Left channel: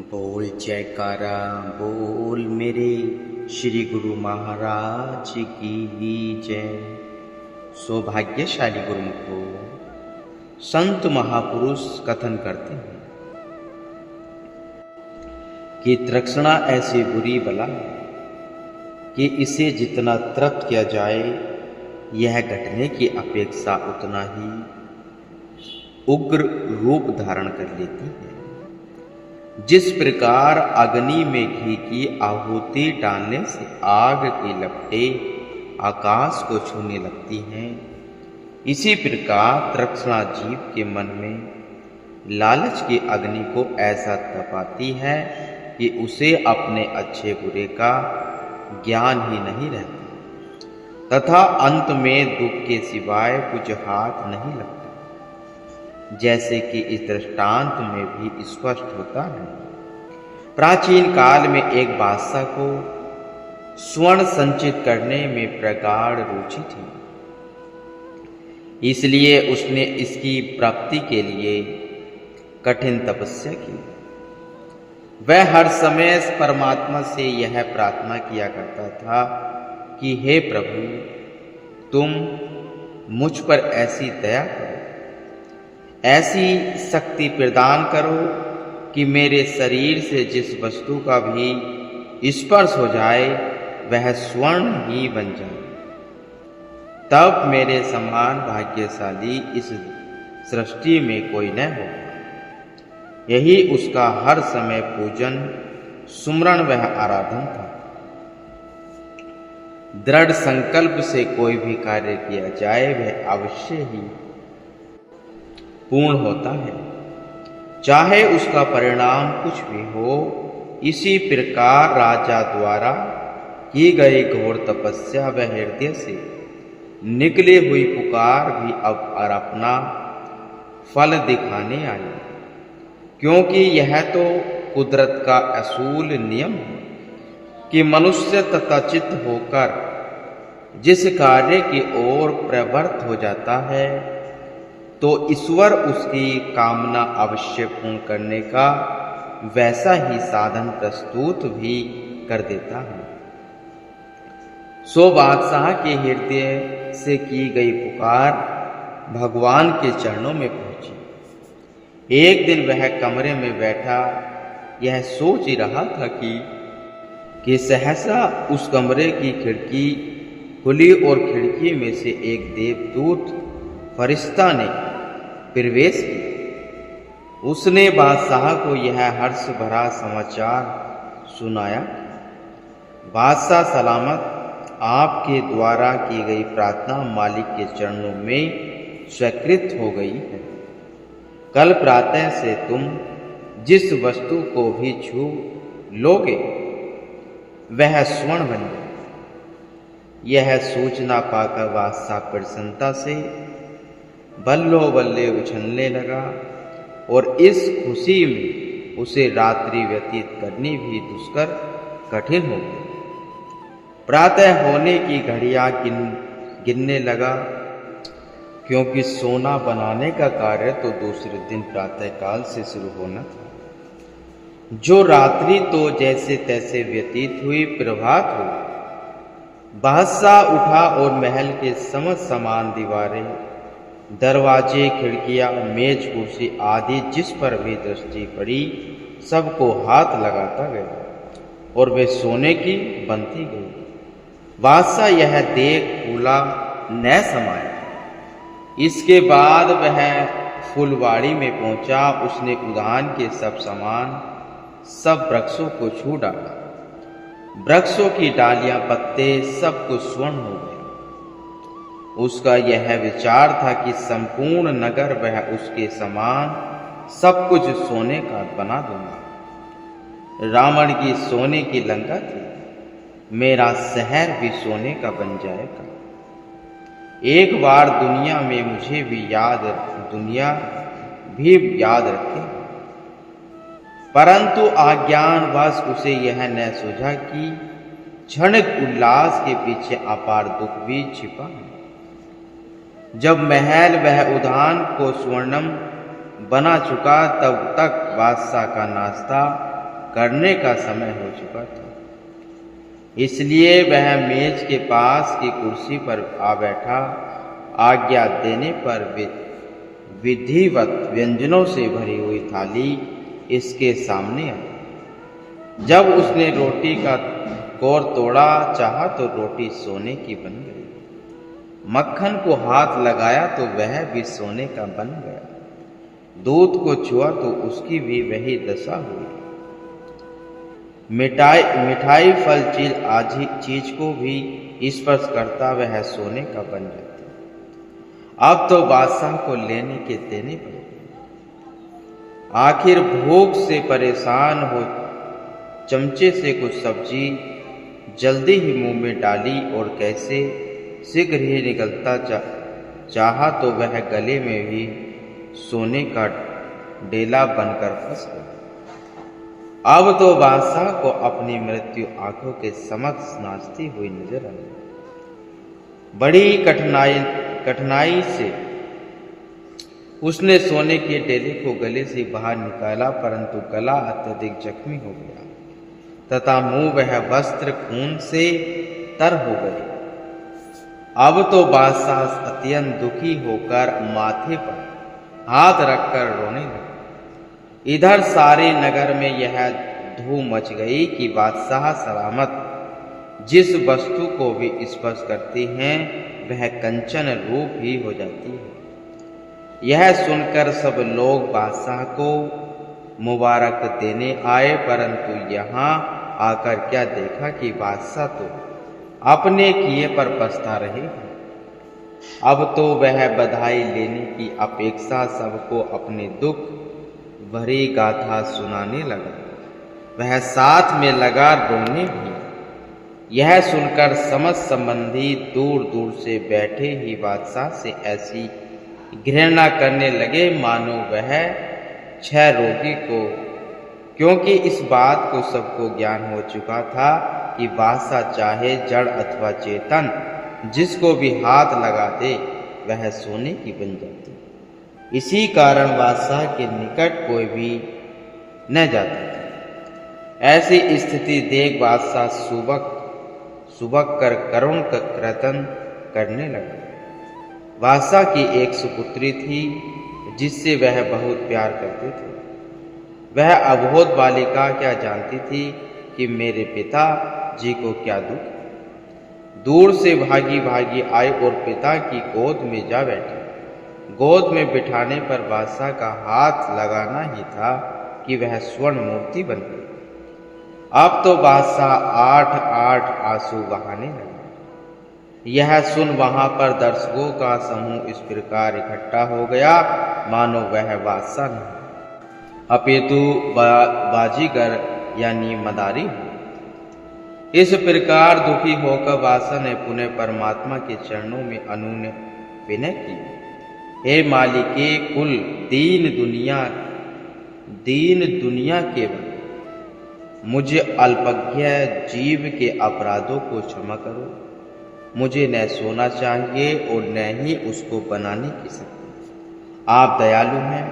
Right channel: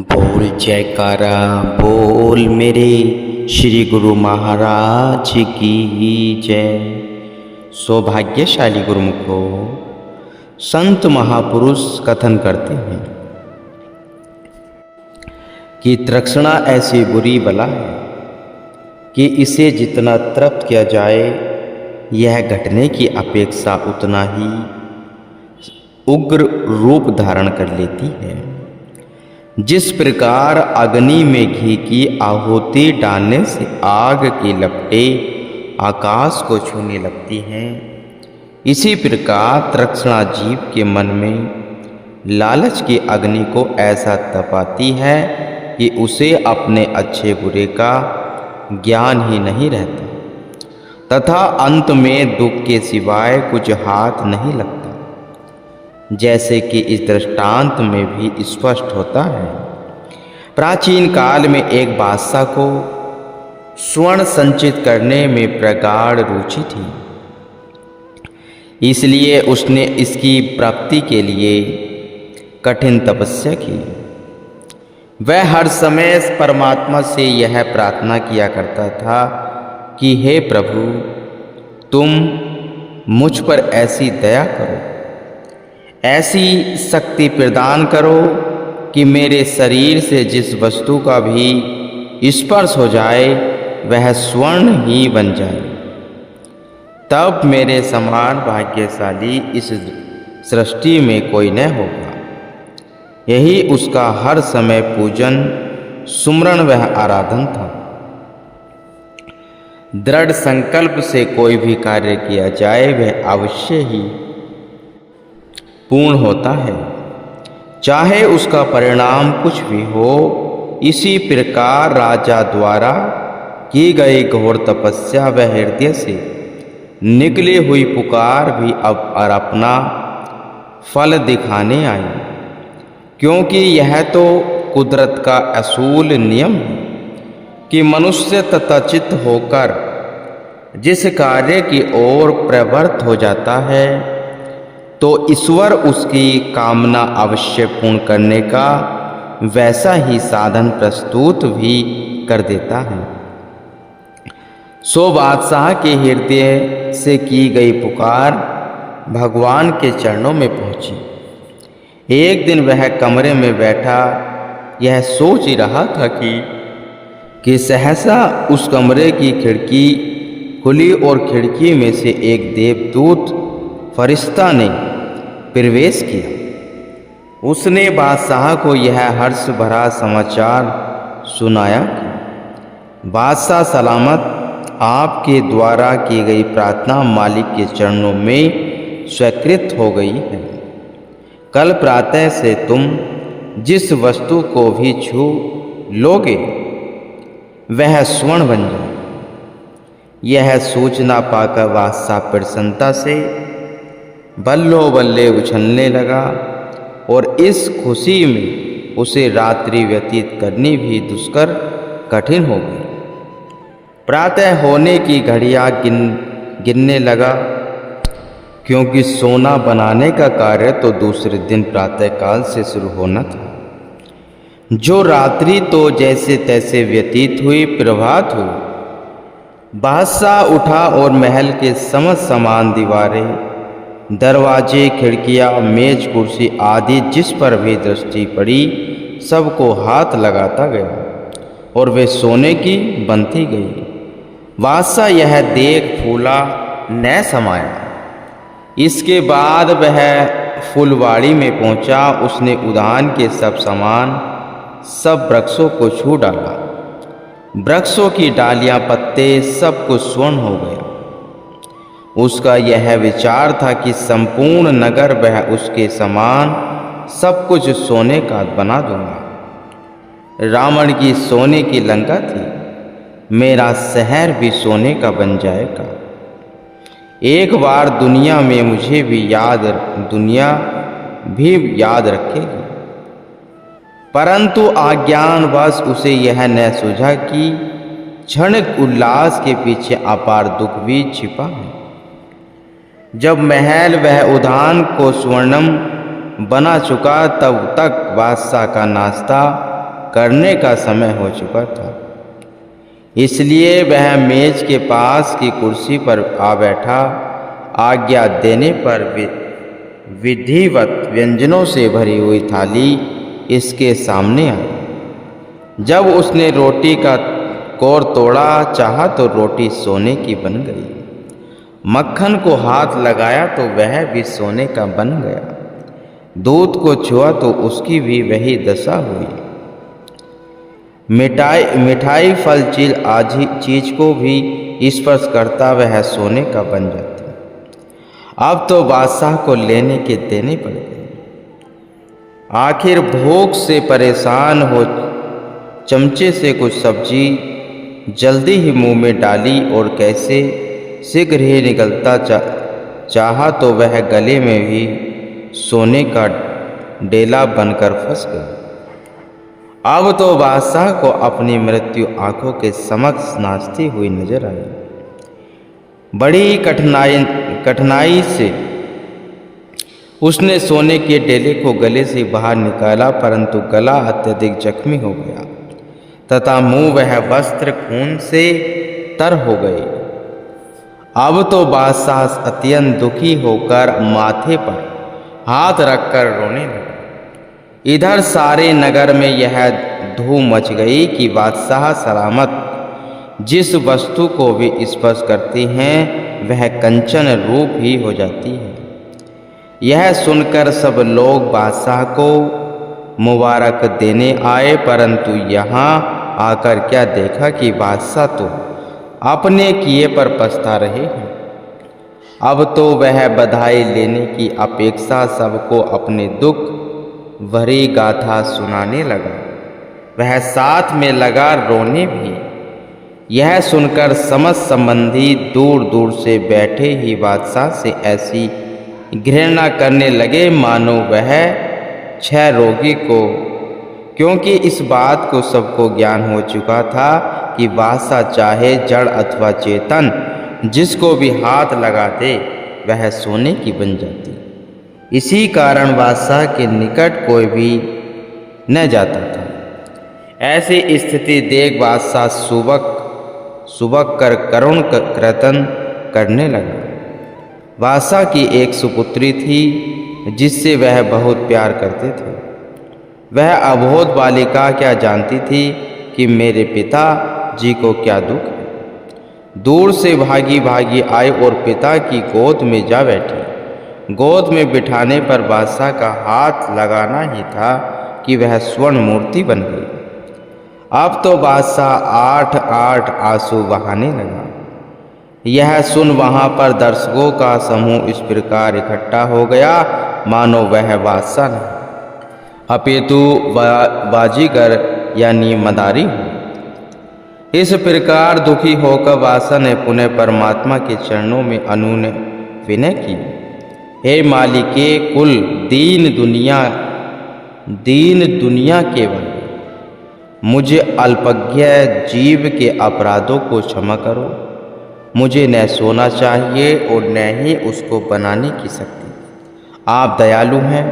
बोल जयकारा बोल मेरे श्री गुरु महाराज की जय। सौभाग्यशाली गुरुमुखो संत महापुरुष कथन करते हैं कि तृष्णा ऐसी बुरी बला है कि इसे जितना तृप्त किया जाए यह घटने की अपेक्षा उतना ही उग्र रूप धारण कर लेती है। जिस प्रकार अग्नि में घी की आहुति डालने से आग की लपटें आकाश को छूने लगती हैं, इसी प्रकार तृष्णा जीव के मन में लालच की अग्नि को ऐसा तपाती है कि उसे अपने अच्छे बुरे का ज्ञान ही नहीं रहता तथा अंत में दुख के सिवाय कुछ हाथ नहीं लगता, जैसे कि इस दृष्टांत में भी स्पष्ट होता है। प्राचीन काल में एक बादशाह को स्वर्ण संचित करने में प्रगाढ़ रुचि थी, इसलिए उसने इसकी प्राप्ति के लिए कठिन तपस्या की। वह हर समय परमात्मा से यह प्रार्थना किया करता था कि हे प्रभु, तुम मुझ पर ऐसी दया करो, ऐसी शक्ति प्रदान करो कि मेरे शरीर से जिस वस्तु का भी स्पर्श हो जाए वह स्वर्ण ही बन जाए। तब मेरे समान भाग्यशाली इस सृष्टि में कोई न होगा। यही उसका हर समय पूजन सुमरण वह आराधन था। दृढ़ संकल्प से कोई भी कार्य किया जाए वह अवश्य ही पूर्ण होता है, चाहे उसका परिणाम कुछ भी हो। इसी प्रकार राजा द्वारा की गई घोर तपस्या व हृदय से निकली हुई पुकार भी अब अपना फल दिखाने आई, क्योंकि यह तो कुदरत का असूल नियम है कि मनुष्य तथाचित होकर जिस कार्य की ओर प्रवृत्त हो जाता है तो ईश्वर उसकी कामना अवश्य पूर्ण करने का वैसा ही साधन प्रस्तुत भी कर देता है। सो बादशाह के हृदय से की गई पुकार भगवान के चरणों में पहुंची। एक दिन वह कमरे में बैठा यह सोच ही रहा था कि सहसा उस कमरे की खिड़की खुली और खिड़की में से एक देवदूत फरिश्ता ने प्रवेश किया। उसने बादशाह को यह हर्ष भरा समाचार सुनाया कि बादशाह सलामत, आपके द्वारा की गई प्रार्थना मालिक के चरणों में स्वीकृत हो गई है। कल प्रातः से तुम जिस वस्तु को भी छू लोगे वह स्वर्ण बन जाए। यह सूचना पाकर बादशाह प्रसन्नता से बल्लो बल्ले उछलने लगा और इस खुशी में उसे रात्रि व्यतीत करनी भी दुष्कर कठिन हो गई। प्रातः होने की घड़ियां गिनने लगा, क्योंकि सोना बनाने का कार्य तो दूसरे दिन प्रातःकाल से शुरू होना था। जो रात्रि तो जैसे तैसे व्यतीत हुई, प्रभात हुई। बादशाह उठा और महल के समस्त सामान, दीवारें, दरवाजे, खिड़कियां, मेज, कुर्सी आदि जिस पर भी दृष्टि पड़ी सबको हाथ लगाता गया और वे सोने की बनती गई। बादशाह यह देख फूला न समाया। इसके बाद वह फुलवाड़ी में पहुंचा। उसने उद्यान के सब सामान, सब वृक्षों को छू डाला। वृक्षों की डालियां, पत्ते सब कुछ स्वर्ण हो गया। उसका यह विचार था कि संपूर्ण नगर वह उसके समान सब कुछ सोने का बना दूंगा। रावण की सोने की लंका थी, मेरा शहर भी सोने का बन जाएगा। एक बार दुनिया भी याद रखेगी। परंतु अज्ञानवश उसे यह न सूझा कि क्षणिक उल्लास के पीछे अपार दुख भी छिपा है। जब महल वह उद्यान को स्वर्णम बना चुका तब तक बादशाह का नाश्ता करने का समय हो चुका था। इसलिए वह मेज के पास की कुर्सी पर आ बैठा। आज्ञा देने पर विधिवत व्यंजनों से भरी हुई थाली इसके सामने आई। जब उसने रोटी का कोर तोड़ा चाहा तो रोटी सोने की बन गई। मक्खन को हाथ लगाया तो वह भी सोने का बन गया। दूध को छुआ तो उसकी भी वही दशा हुई। मिठाई फल चीज को भी स्पर्श करता वह सोने का बन जाता। अब तो बादशाह को लेने के देने पड़ गए। आखिर भूख से परेशान हो चमचे से कुछ सब्जी जल्दी ही मुंह में डाली और कैसे शीघ्र ही निकलता चाहा तो वह गले में भी सोने का डेला बनकर फंस गया। अब तो बादशाह को अपनी मृत्यु आंखों के समक्ष नाचती हुई नजर आई। बड़ी कठिनाई से उसने सोने के डेले को गले से बाहर निकाला, परंतु गला अत्यधिक जख्मी हो गया तथा मुंह वह वस्त्र खून से तर हो गए। अब तो बादशाह अत्यंत दुखी होकर माथे पर हाथ रखकर रोने लगा। इधर सारे नगर में यह धूम मच गई कि बादशाह सलामत जिस वस्तु को भी स्पर्श करती हैं वह कंचन रूप ही हो जाती है। यह सुनकर सब लोग बादशाह को मुबारक देने आए, परंतु यहाँ आकर क्या देखा कि बादशाह तो अपने किए पर पछता रहे हैं। अब तो वह बधाई लेने की अपेक्षा सबको अपने दुख भरी गाथा सुनाने लगा। वह साथ में लगा रोने भी। यह सुनकर समस्त संबंधी दूर दूर से बैठे ही बादशाह से ऐसी घृणा करने लगे मानो वह क्षय रोगी को, क्योंकि इस बात को सबको ज्ञान हो चुका था कि बादशाह चाहे जड़ अथवा चेतन जिसको भी हाथ लगा दे वह सोने की बन जाती। इसी कारण बादशाह के निकट कोई भी न जाता था। ऐसी स्थिति देख बादशाह सुबक कर करुण क्रतन करने लगा। बादशाह की एक सुपुत्री थी जिससे वह बहुत प्यार करते थे। वह अबोध बालिका क्या जानती थी कि मेरे पिता जी को क्या दुख है। दूर से भागी भागी आई और पिता की गोद में जा बैठी। गोद में बिठाने पर बादशाह का हाथ लगाना ही था कि वह स्वर्ण मूर्ति बन गई। अब तो बादशाह 8 आंसू बहाने लगा। यह सुन वहां पर दर्शकों का समूह इस प्रकार इकट्ठा हो गया मानो वह बादशाह नहीं अपितु बाजीगर यानी मदारी हो। इस प्रकार दुखी होकर बादशाह ने पुनः परमात्मा के चरणों में अनुनय विनय की। हे मालिके कुल दीन दुनिया केवल मुझे अल्पज्ञ जीव के अपराधों को क्षमा करो। मुझे न सोना चाहिए और न ही उसको बनाने की शक्ति। आप दयालु हैं,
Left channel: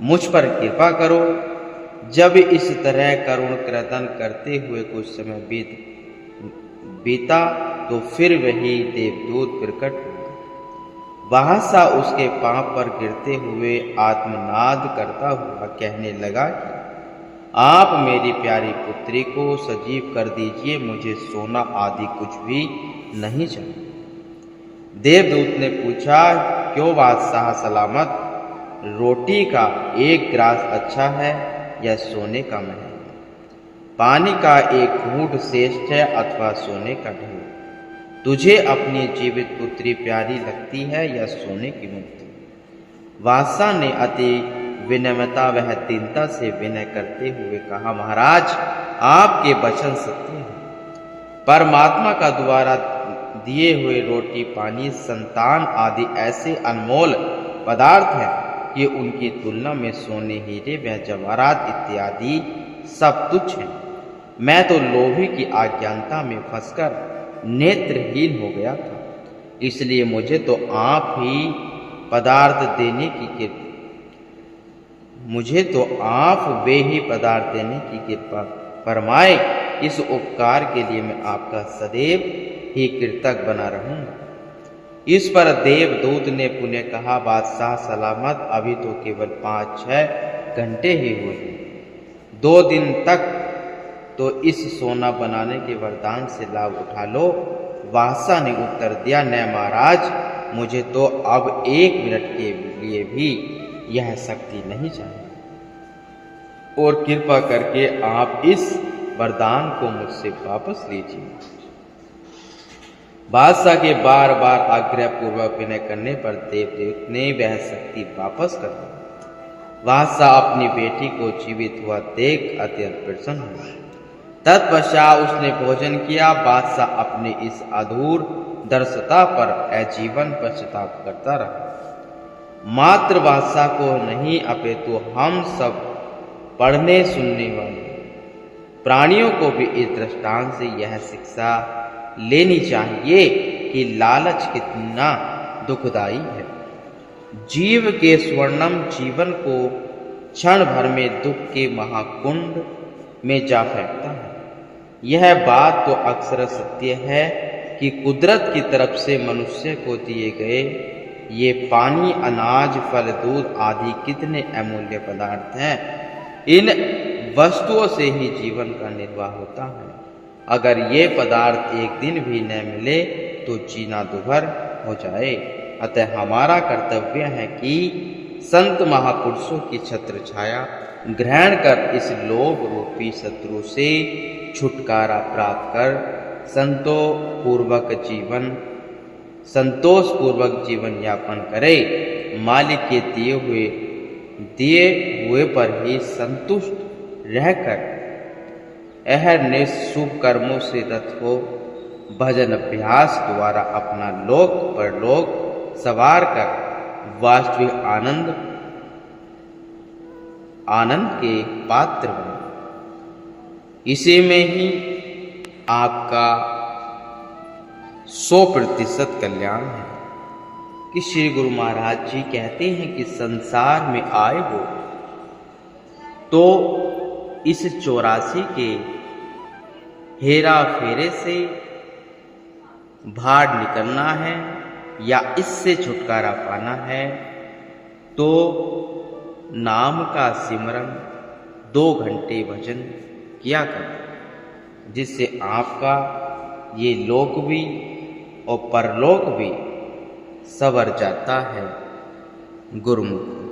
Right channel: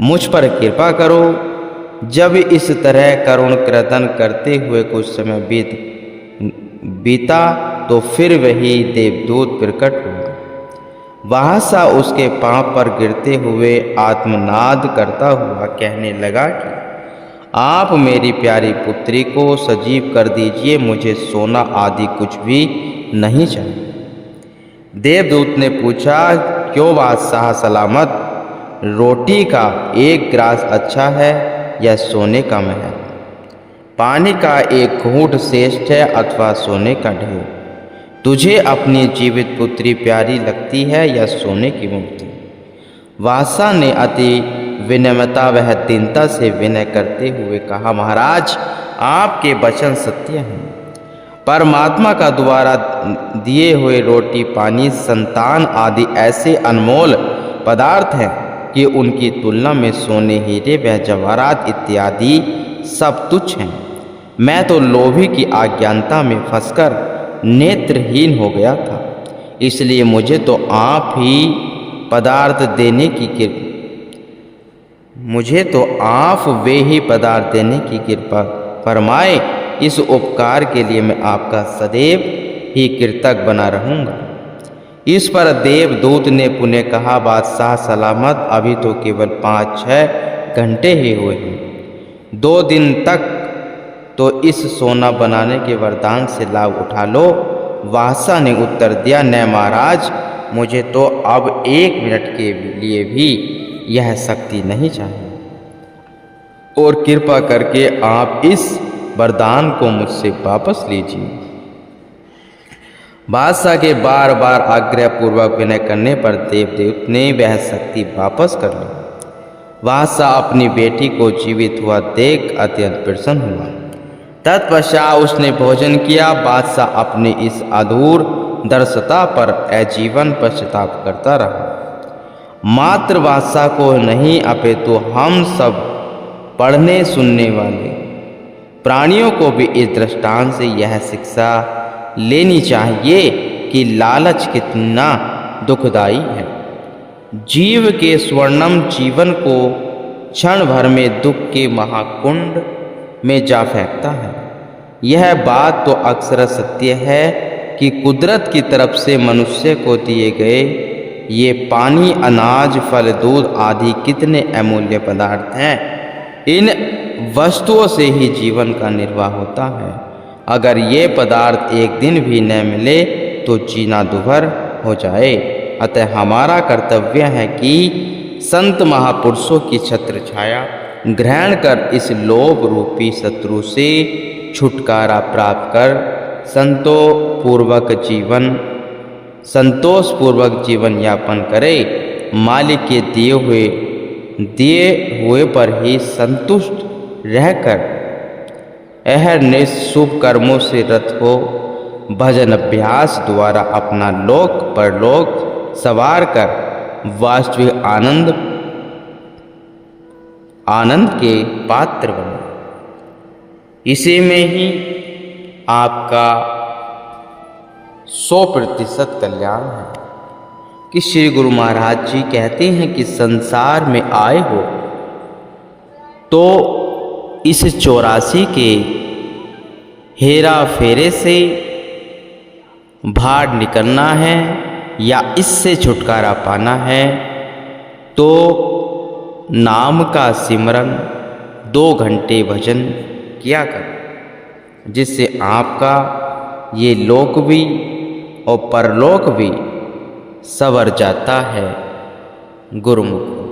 मुझ पर कृपा करो। जब इस तरह करुण क्रदन करते हुए कुछ समय बीता तो फिर वही देवदूत प्रकट हुआ। बादशाह उसके पांव पर गिरते हुए आत्मनाद करता हुआ कहने लगा कि आप मेरी प्यारी पुत्री को सजीव कर दीजिए, मुझे सोना आदि कुछ भी नहीं चाहिए। देवदूत ने पूछा, क्यों बादशाह सलामत, रोटी का एक ग्रास अच्छा है या सोने का महल? पानी का एक घूंट श्रेष्ठ है अथवा सोने का ढेर? तुझे अपनी जीवित पुत्री प्यारी लगती है या सोने की मूर्ति? बादशाह ने अति विनम्रता वह दीनता से विनय करते हुए कहा, महाराज आपके वचन सत्य हैं। परमात्मा का द्वारा दिए हुए रोटी पानी संतान आदि ऐसे अनमोल पदार्थ हैं कि उनकी तुलना में सोने हीरे व जवाहरात इत्यादि सब तुच्छ हैं। मैं तो लोभी की अज्ञानता में फंसकर नेत्रहीन हो गया था, इसलिए मुझे तो आप ही पदार्थ मुझे तो आप वे ही पदार्थ देने की कृपा फरमाए। इस उपकार के लिए मैं आपका सदैव ही कृतज्ञ बना रहूँगा। इस पर देवदूत ने पुनः कहा, बादशाह सलामत, अभी तो केवल 5-6 घंटे ही हुए हैं। 2 दिन तक तो इस सोना बनाने के वरदान से लाभ उठा लो। बादशाह ने उत्तर दिया, न महाराज, मुझे तो अब 1 मिनट के लिए भी यह शक्ति नहीं चाहिए, और कृपा करके आप इस वरदान को मुझसे वापस लीजिए। बादशाह के बार बार आग्रह पूर्वक विनय करने पर देवदूत ने वह शक्ति वापस कर ली। बादशाह अपनी बेटी को जीवित हुआ देख अत्यंत प्रसन्न हुआ। तत्पश्चात उसने भोजन किया। बादशाह अपनी इस अधूर दर्शता पर आजीवन पश्चाताप करता रहा। मात्र बादशाह को नहीं, अपितु हम सब पढ़ने सुनने वाले प्राणियों को भी इस दृष्टांत से यह शिक्षा लेनी चाहिए कि लालच कितना दुखदाई है। जीव के स्वर्णम जीवन को क्षण भर में दुख के महाकुंड में जा फेंकता है। यह बात तो अक्सर सत्य है कि कुदरत की तरफ से मनुष्य को दिए गए ये पानी, अनाज, फल, दूध आदि कितने अमूल्य पदार्थ हैं। इन वस्तुओं से ही जीवन का निर्वाह होता है। अगर ये पदार्थ एक दिन भी न मिले तो जीना दुभर हो जाए। अतः हमारा कर्तव्य है कि संत महापुरुषों की छत्र छाया ग्रहण कर इस लोभ रूपी शत्रु से छुटकारा प्राप्त कर संतोषपूर्वक जीवन यापन करे। मालिक के दिए हुए पर ही संतुष्ट रहकर अहरनिश शुभ कर्मों से रत हो भजन अभ्यास द्वारा अपना लोक परलोक सवार कर वास्तविक आनंद के पात्र बने। इसी में ही आपका 100% कल्याण है कि श्री गुरु महाराज जी कहते हैं कि संसार में आए हो तो इस 84 के हेरा फेरे से बाहर निकलना है या इससे छुटकारा पाना है तो नाम का सिमरन 2 घंटे भजन किया कर, जिससे आपका ये लोक भी और परलोक भी संवर जाता है गुरुमुख।